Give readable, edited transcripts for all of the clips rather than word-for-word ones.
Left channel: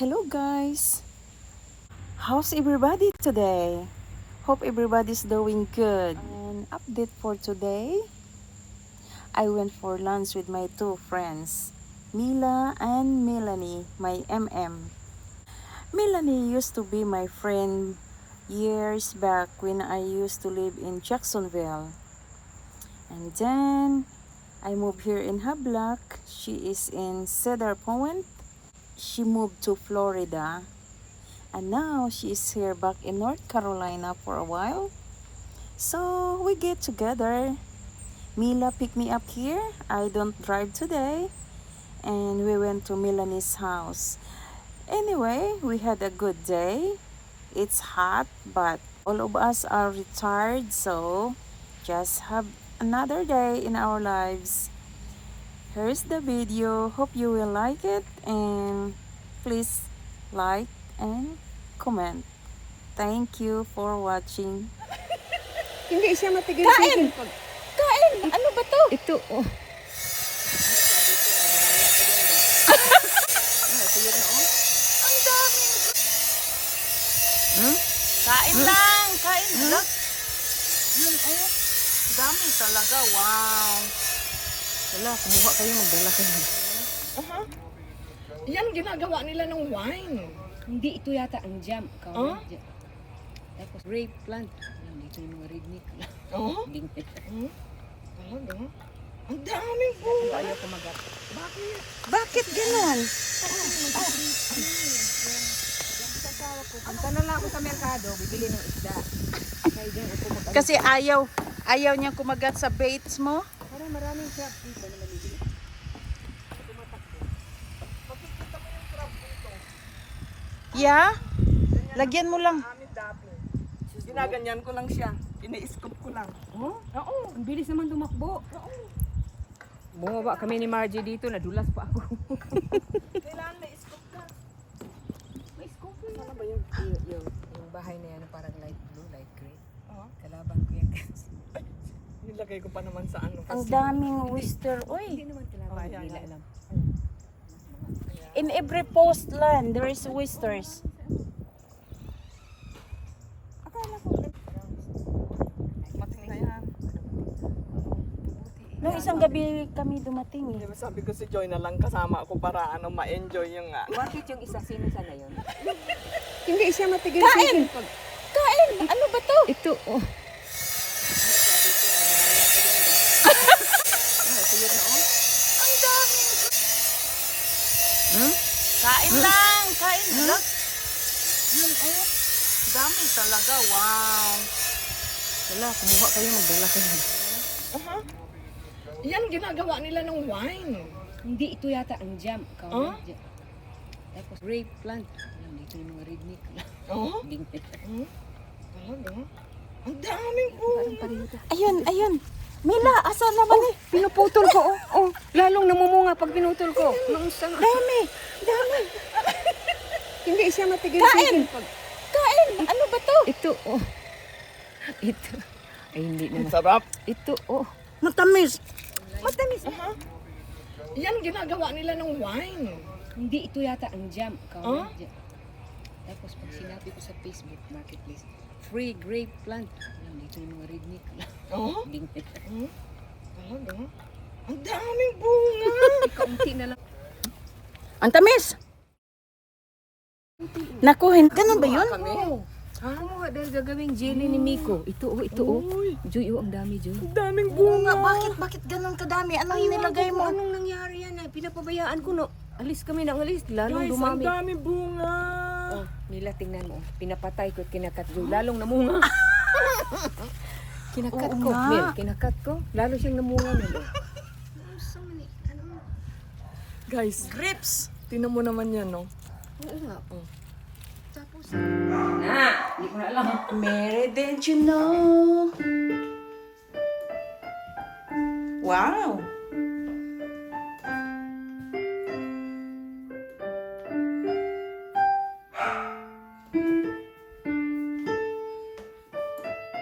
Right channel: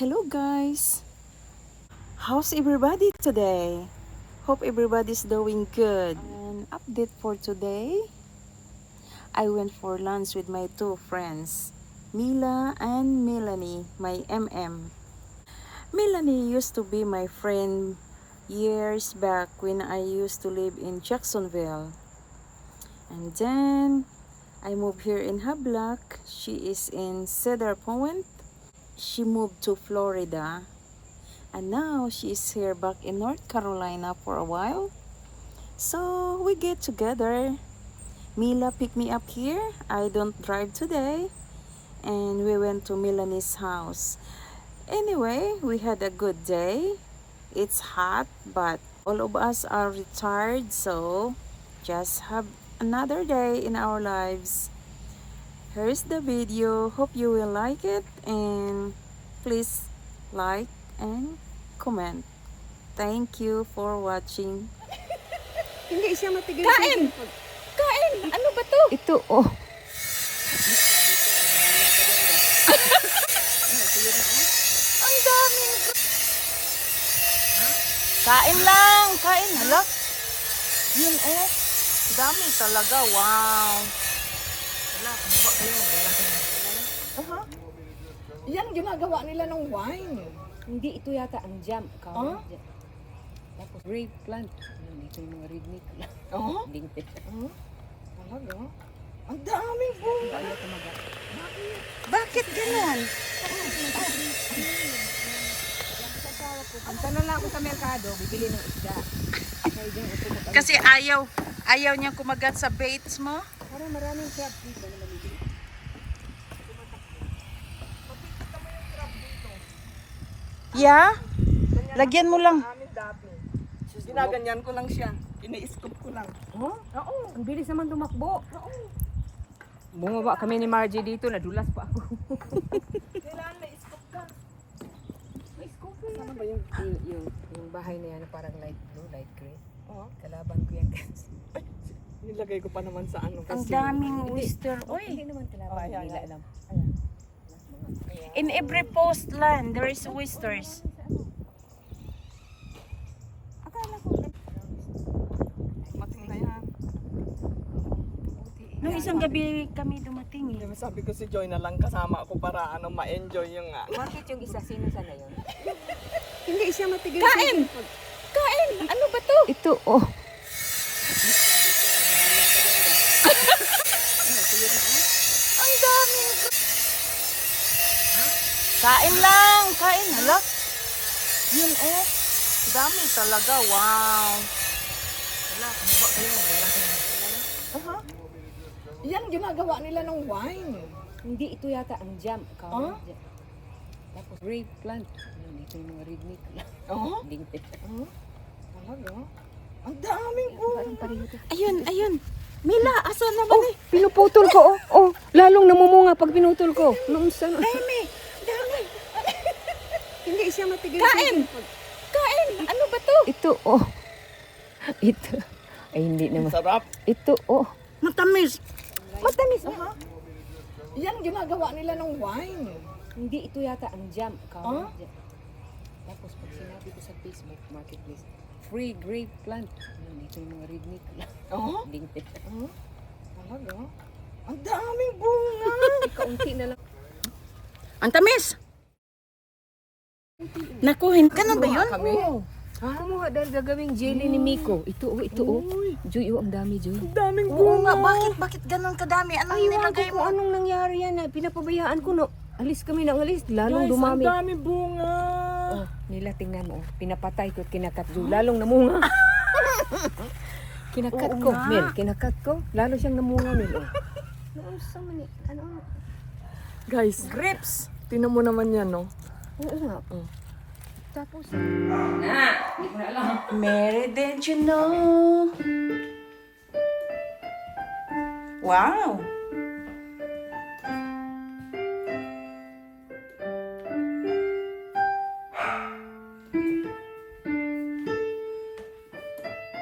Hello guys! How's everybody today? Hope everybody's doing good. An update for today. I went for lunch with my two friends, Mila and Melanie, my MM. Melanie used to be my friend years back when I used to live in Jacksonville. And then I moved here in Hablac. She is in Cedar Point. She moved to Florida. And now she is here back in North Carolina for a while. So we get together. Mila picked me up here. I don't drive today. And we went to Melanie's house. Anyway, we had a good day. It's hot, but all of us are retired, so just have another day in our lives. Here's the video. Hope you will like it, and please like and comment. Thank you for watching. Hindi siya matigil. Kain! Kain! Ano ba to? Ito, oh. Ang daming... Kain lang! Kain! Hala! Yun oh! Dami talaga! Wow! Wala, kumuha kayo, magdala kayo. Yan ginagawa nila ng wine. Hindi, ito yata ang jam. Tapos grape plant. Dito yung mga rignik. Bingtit. Talaga? Ang daming po. Ayaw kumagat. Bakit ganon? Punta na lang ako sa merkado, bibili ng isda. Kasi ayaw niya kumagat sa baits mo? Parang maraming crab dito na maliliit. Yeah? Lagyan mo lang. Ginaganyan ko lang siya. Ini-scoop ko lang. Oo, ang bilis naman tumakbo. Bumaba kami ni Margie dito, nadulas pa ako. Kailangan may scoop ka. May scoop yan. Ano ba yung bahay na yan, parang light blue, light gray? Kalaban ko yan kasi. Nilagay ko pa naman sa ano. Ang daming oyster. Hindi Oy, naman kalaban, Ayan, hindi ayan. alam. in every post land, there is oysters. Mating na yan. Nung isang gabi kami dumating Di eh. ba sabi ko si Joy na lang kasama ako para ma-enjoy yung Bakit yung isa, sino sana yun? Hindi siya matigil. Kain! Kain! Ano ba to? Ito, oh. Ang daming... Kain lang! Kain! Hala! Yun oh! Dami talaga! Wow! Wala, kumuha kayo, magdala kayo. Yan ginagawa nila ng wine. Hindi, ito yata ang jam. Tapos grape plant. Dito yung mga rignik. Bingtit. Talaga? Ang daming po. Ayun! Ayun! Mila! Asan naman eh? Pinuputol ko, oh. Lalong namumunga pag pinutol ko. Naunsan. Dami! Dami! Hindi siya matigil. Kain! Kain! Ano ba to? Ito, oh. Ito. Ay, hindi naman. Sarap. Ito, oh. Matamis! Matamis. Yan ginagawa nila ng wine. Hindi, ito yata ang jam. Tapos pag sinabi ko sa Facebook Marketplace, free grape plant. Dito yung mga rignik. Bingtit. Talaga? Ang daming bunga. Kaunti na lang. Ang tamis! Nakuhin. Ganun ba yun? Oo. Kumuha dahil gagawing jelly ni Miko. Ito, oh, ito, oh. Joy, oh, ang dami, Joy. Ang daming Bunga, bunga. bakit ganun kadami? Anong nilagay mo? Anong nangyari yan? Pinapabayaan ko, no? Alis kami ng alis. Lalong Guys, ang dumami. daming bunga. Oh, nila tingnan mo. Pinapatay ko, kinakat Joy. Lalong namunga. Kinakat Oo ko. nga. Mel, kinakat ko. Lalo siyang namunga nito. Guys, Grapes! tinan mo naman yan, no? Oo nga. Tapos, Mary, did you know? Wow!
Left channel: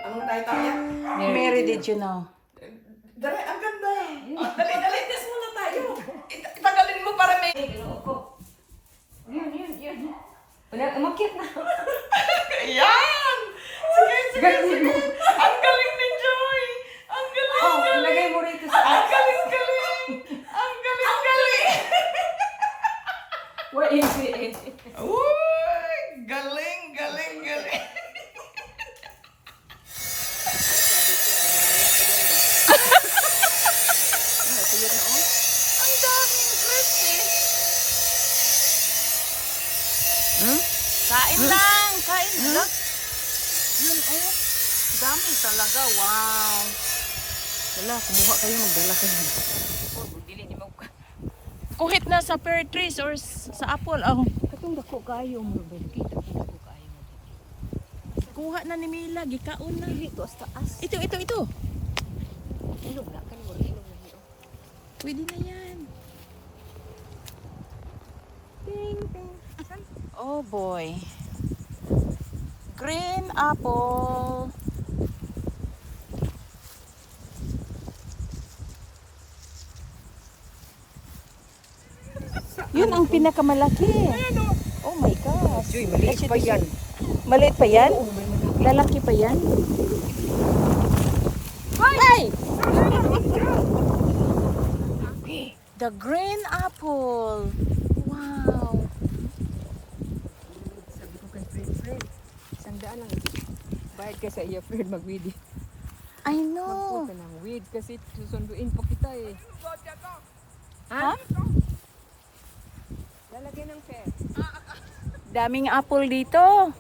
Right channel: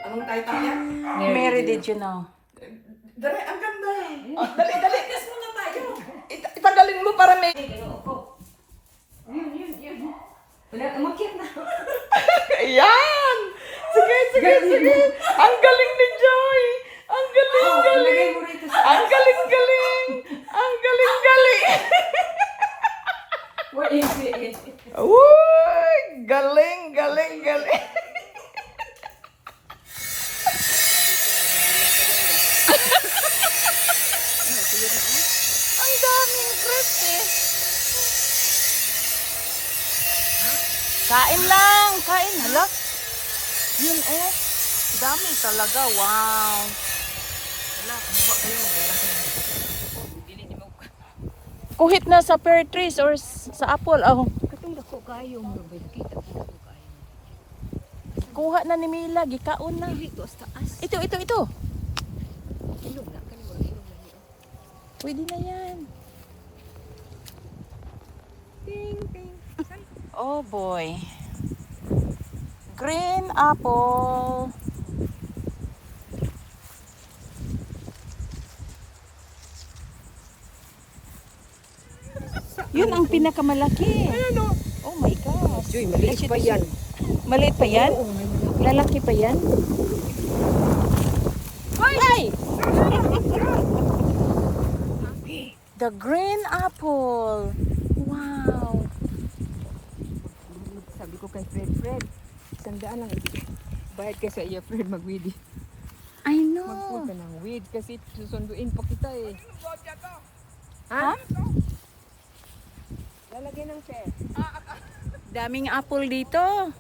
Anong title yan? Mary, did you know? Dali, ang ganda. Dali, test muna tayo. Itagalin mo para may... yun. Umakyat na. Ayan! Sige, sige, sige! Ang galing ni Joy! Ang galing, Oh, galing! ilagay mo rito sa Ang galing, galing! Ang galing, galing! Where is it? Uy! Galing, galing, galing! Ang daming grapes eh. Kain lang, kain. Hala. Yun oh. Dami talaga, wow. Wala, kumuha kayo ng dala kayo. Oh, dili ni mo. Kuhit na sa pear trees or sa apple. Oh. Katong dako kayo mo balik. Kuha na ni Mila, gikaon na. Dito sa taas. Ito. Ilog na kan mo ilog na hiyo. Pwede na yan. Ting, ting. Oh boy. Green apple. Yun ang pinakamalaki. Ano? Oh my gosh. Joy, maliit pa yan. Maliit pa yan? Oo, may malaki. Lalaki pa yan? Ay! The green apple. Wow. Sabi ko kay Fred, tandaan lang. Bayad ka sa iya, Fred, mag-weed. I know. Ka ng weed kasi susunduin pa kita eh. Ha? Lalagyan ng fair. Daming apple dito.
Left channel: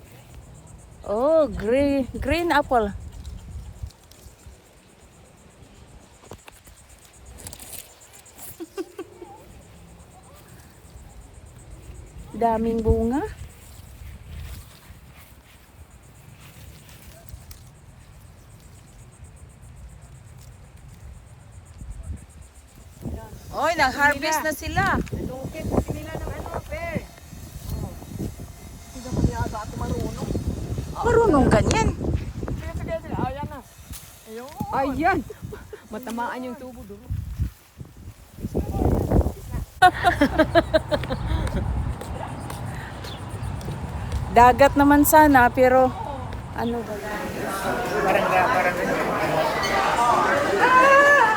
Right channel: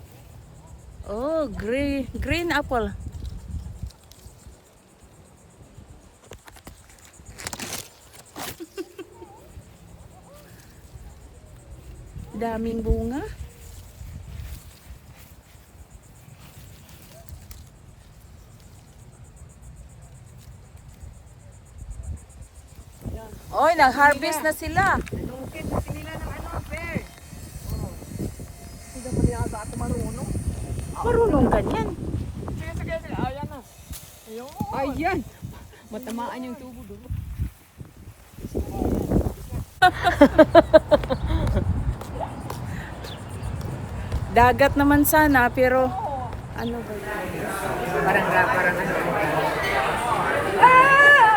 Oh, green apple. Daming bunga. Oy, nag-harvest na sila. Lungkit kasi nila ng ano, fair. Hindi mo niya ata marunong. Marunong ganyan. Sige, sige, sige. Ayan na. Ayun. Ayan! Matamaan yung tubo doon. Dagat naman sana, pero ano ba yun? Parang ano. Ah!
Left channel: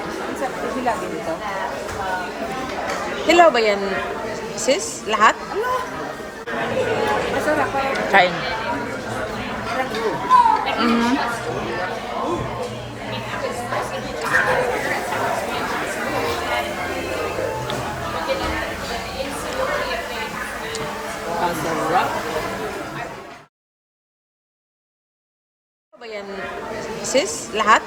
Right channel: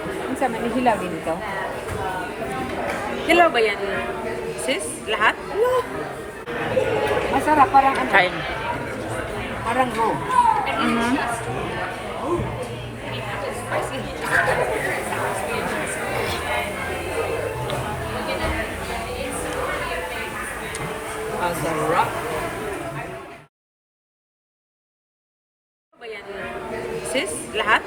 Ang sama ni Hilaw dito. Hello ba yan, sis? Lahat? Masarap, parang ano. Kain. Parang go. Mhm. Ang sarap. Hello ba yan, sis? Lahat?